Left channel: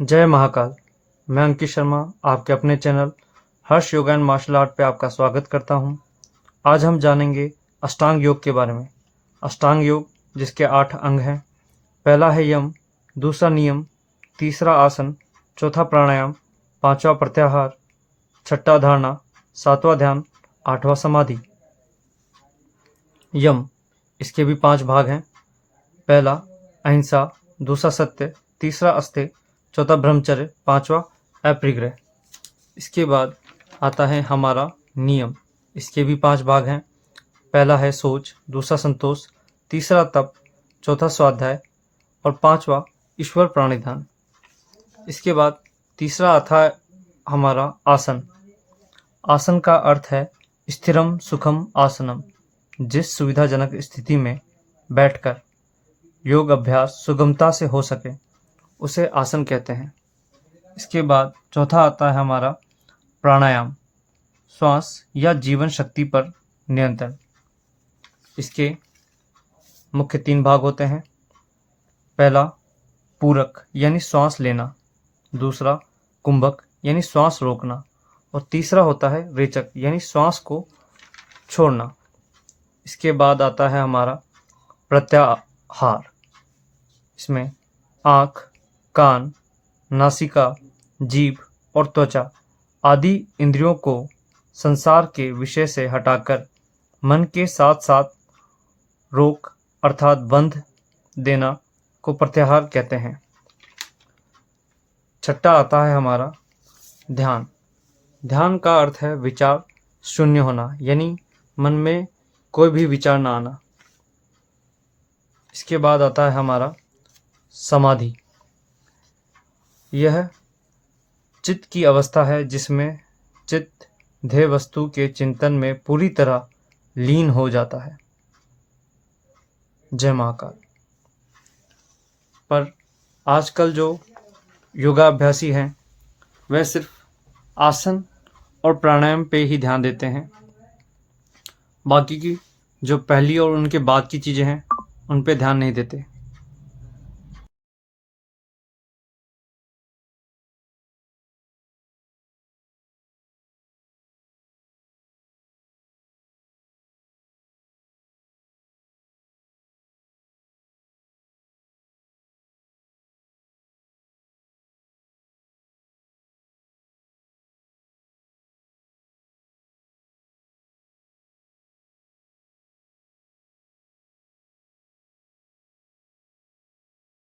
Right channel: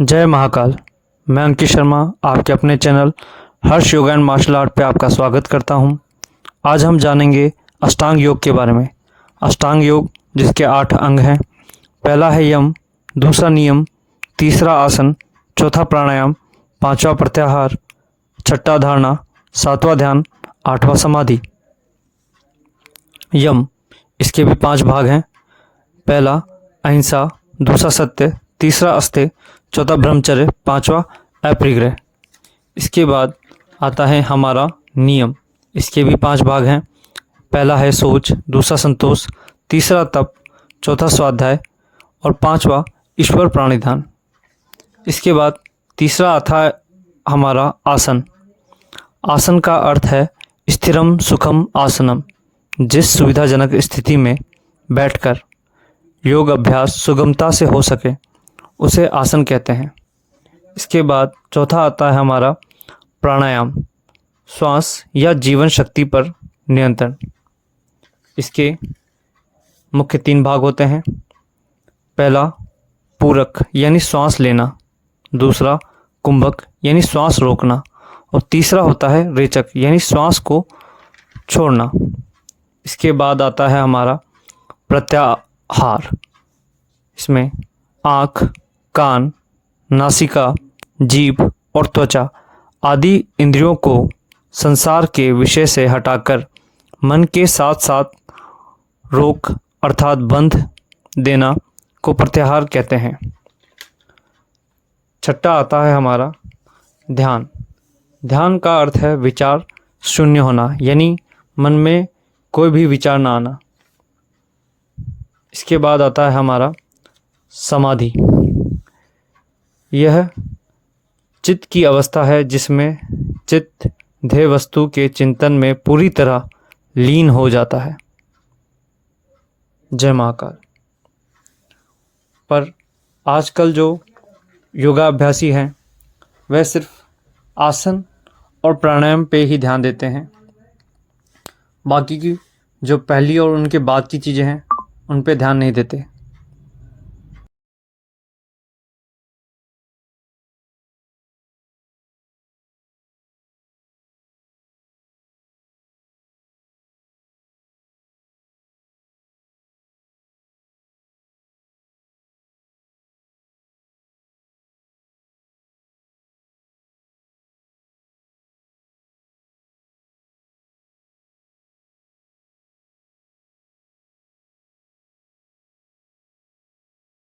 जय महाकाल। मैं अंकित शर्मा आपके अपने channel Harsh yoga and martial art पे आपका स्वागत करता हूं। आज हम जानेंगे अष्टांग योग के बारे में। अष्टांग योग जिसके 8 अंग हैं। पहला है यम, दूसरा नियम, तीसरा आसन, चौथा प्राणायाम, पांचवा प्रत्याहार, छठा धारणा, सातवां ध्यान, आठवां समाधि। यम, इसके भी 5 भाग हैं। पहला अहिंसा, दूसरा सत्य, तीसरा अस्तेय, चौथा ब्रह्मचर्य, पांचवा अपरिग्रह। इसके बाद आता है हमारा नियम। इसके भी 5 भाग हैं। पहला है सोच, दूसरा संतोष, तीसरा तप, चौथा स्वाध्याय और पांचवा ईश्वर प्राणिधान। इसके बाद तीसरा आता है हमारा आसन। आसन का अर्थ है स्थिरम सुखम आसनम, जिस सुविधाजनक स्थिति में बैठकर योग अभ्यास सुगमता से हो सके उसे आसन कहते हैं। इसके बाद चौथा आता है हमारा प्राणायाम, श्वास या जीवन शक्ति पर नियंत्रण। इसके मुख्य 3 भाग होते हैं। पहला पूरक यानी श्वास लेना, दूसरा कुंभक यानी श्वास रोकना और तीसरा होता है रेचक यानी श्वास को छोड़ना। इसके बाद आता है हमारा प्रत्याहार। इसमें आँख, कान, नासिका, जीभ और त्वचा आदि इंद्रियों को संसार के विषय से हटाकर मन के साथ साथ रोक अर्थात बंध देना को प्रत्याहार कहते हैं। छठा आता है हमारा ध्यान। ध्यान का अर्थ है विचार शून्य होना, यानी मन में कोई भी विचार ना आना। इसके बाद आता है हमारा समाधि। यह चित्त की अवस्था है जिसमें चित्त ध्येय वस्तु के चिंतन में पूरी तरह लीन हो जाता है। जय महाकाल। पर आजकल जो योगाभ्यासी हैं वह सिर्फ आसन और प्राणायाम पे ही ध्यान देते हैं। बाकी की जो पहली और उनके बाद की चीज़ें हैं उन पे ध्यान नहीं देते।